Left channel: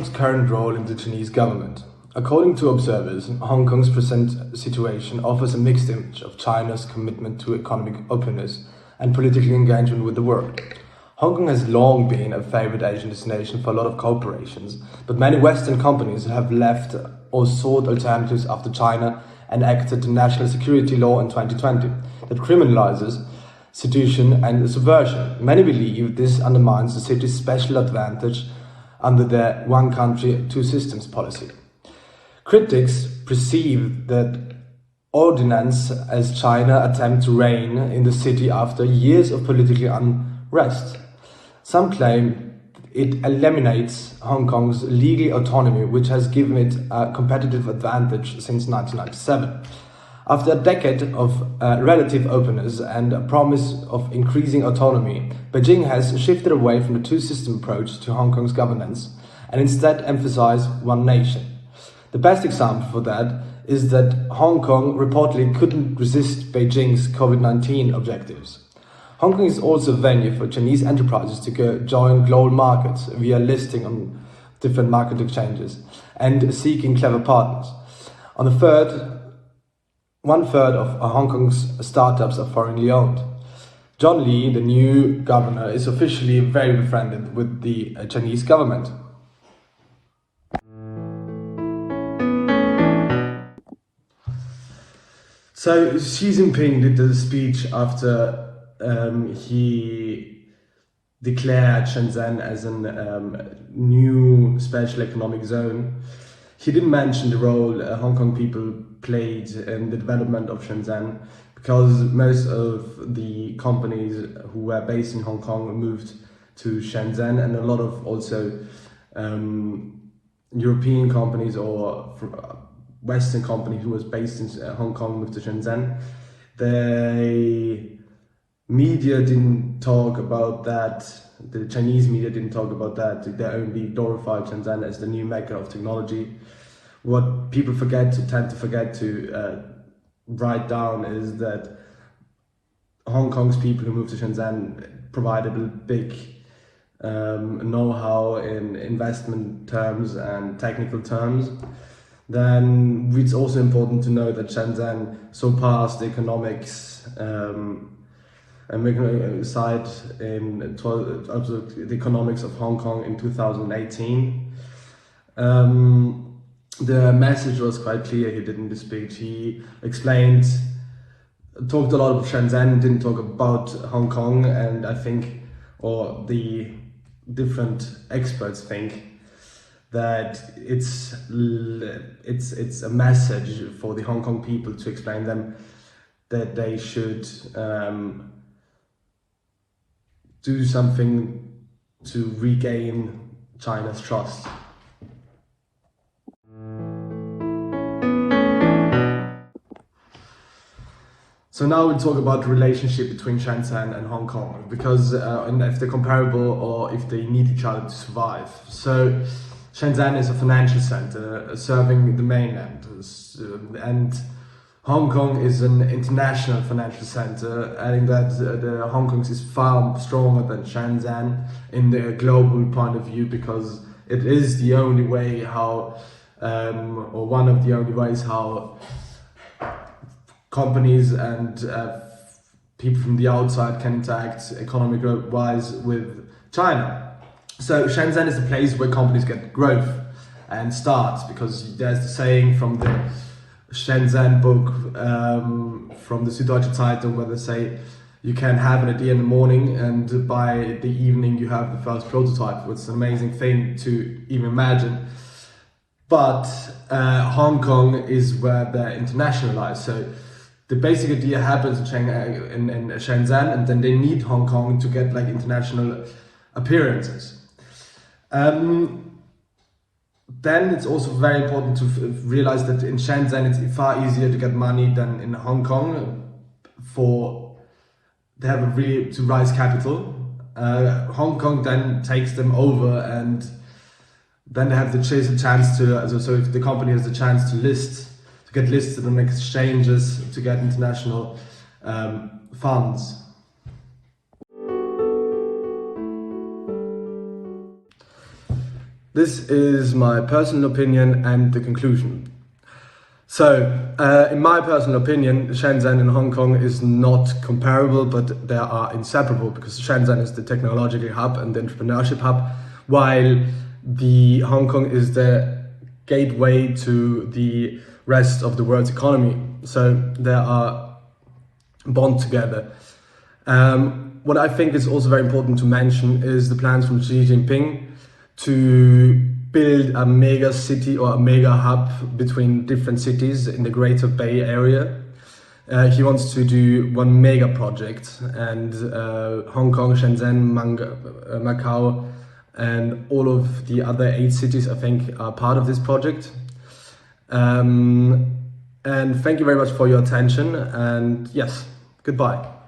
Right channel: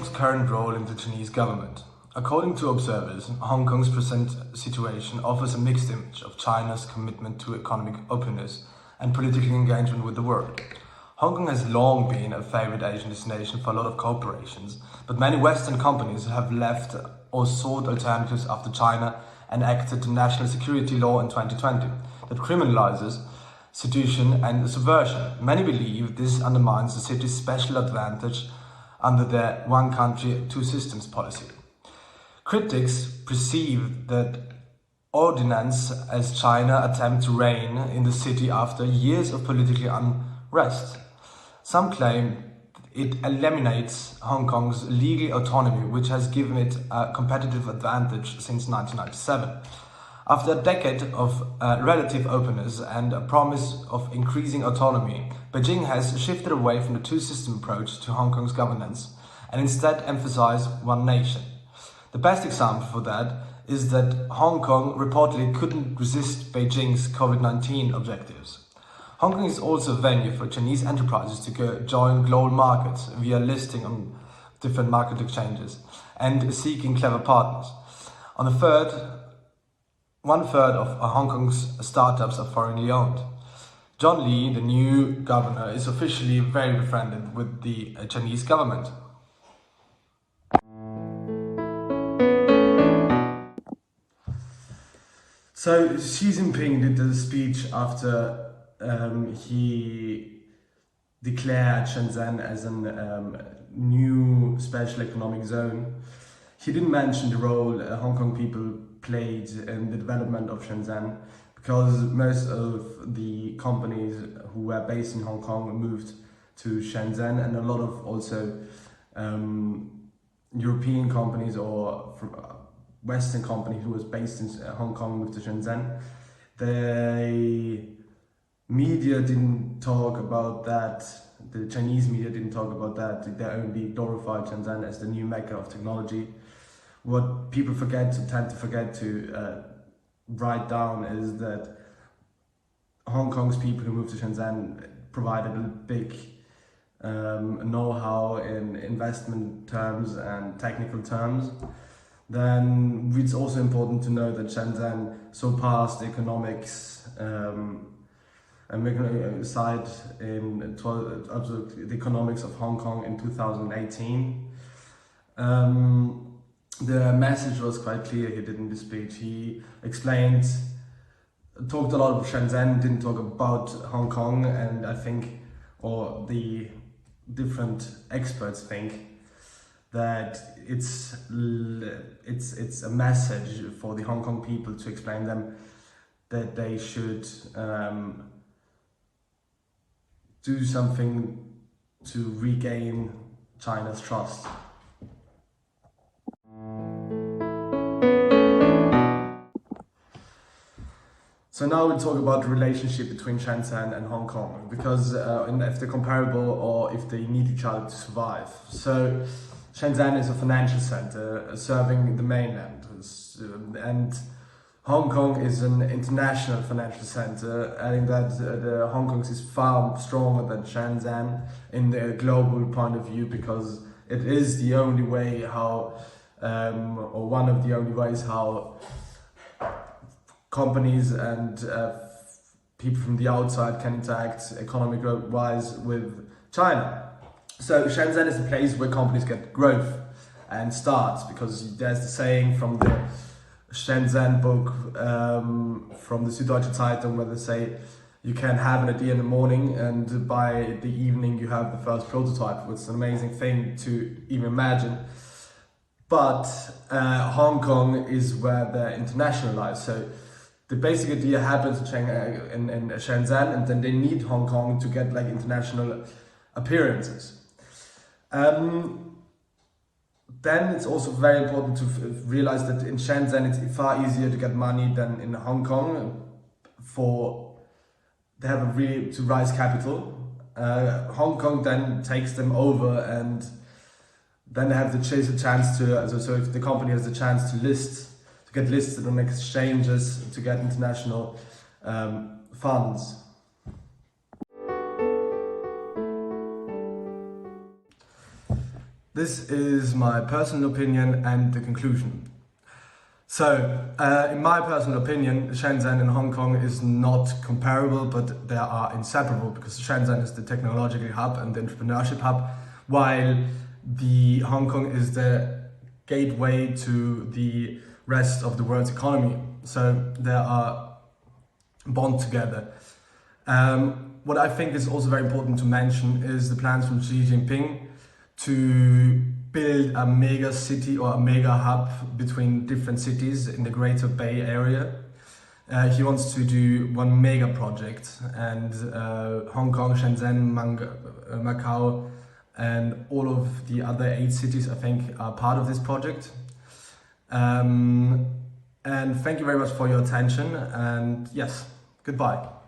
Kong's current role in the Chinese government. According to observers, Hong Kong's present situation offers a mixed image of China's commitment to economic openness and political engagement with the world. Hong Kong has long been a favorite Asian destination for a lot of corporations, but many Western companies have left or sought alternatives after China enacted the national security law in 2020 that criminalizes sedition and subversion. Many believe this undermines the city's special advantage under the one country, two systems policy. Critics perceive that ordinance as China attempt to reign in the city after years of political unrest. Some claim it eliminates Hong Kong's legal autonomy, which has given it a competitive advantage since 1997. After a decade of relative openness and a promise of increasing autonomy, Beijing has shifted away from the two-system approach to Hong Kong's governance and instead emphasized one nation. The best example for that is that Hong Kong reportedly couldn't resist Beijing's COVID-19 objectives. Hong Kong is also a venue for Chinese enterprises to join global markets via listing on different market exchanges and seeking clever partners. One third of Hong Kong's startups are foreignly owned. John Lee, the new governor, is officially very befriended with the Chinese government. So Xi Jinping did the speech after he declared Shenzhen as a new special economic zone. He didn't mention the role Hong Kong people played in the development of Shenzhen, because most of the companies who were based in Hong Kong moved to Shenzhen, and a lot of also European companies or Western companies who was based in Hong Kong moved to Shenzhen. The media didn't talk about that. The Chinese media didn't talk about that. They only glorified Shenzhen as the new mecca of technology. What people tend to forget to write down is that Hong Kong's people who moved to Shenzhen provided a big know-how in investment terms and technical terms. Then it's also important to know that Shenzhen surpassed the economics side in the economics of Hong Kong in 2018. The message was quite clear he did in the speech. He talked a lot about Shenzhen, didn't talk about Hong Kong, and I think, or the different experts think, that it's a message for the Hong Kong people to explain them that they should do something to regain China's trust. So now we'll talk about the relationship between Shenzhen and Hong Kong, because if they're comparable or if they need each other to survive. So Shenzhen is a financial center serving the mainland, and Hong Kong is an international financial center, adding that the Hong Kong is far stronger than Shenzhen in the global point of view, because it is the only way how, or one of the only ways how companies and people from the outside can interact economic-wise with China. So Shenzhen is a place where companies get growth and start, because there's the saying from the Shenzhen book from the Süddeutsche Zeitung, where they say you can have an idea in the morning and by the evening you have the first prototype, which is an amazing thing to even imagine. But Hong Kong is where they're internationalized. So the basic idea happens in Shenzhen, and then they need Hong Kong to get like international appearances. Then it's also very important to realize that in Shenzhen it's far easier to get money than in Hong Kong to raise capital. Hong Kong then takes them over, and then they have the chance to, so if the company has the chance to get listed on exchanges, to get international funds. This is my personal opinion and the conclusion. So, in my personal opinion, Shenzhen and Hong Kong is not comparable, but they are inseparable, because Shenzhen is the technological hub and the entrepreneurship hub, while the Hong Kong is the gateway to the rest of the world's economy. So they are bond together. What I think is also very important to mention is the plans from Xi Jinping to build a mega city or a mega hub between different cities in the Greater Bay Area. He wants to do one mega project, and Hong Kong, Shenzhen, Macau, and all of the other 8 cities, I think, are part of this project. And thank you very much for your attention, and yes, goodbye.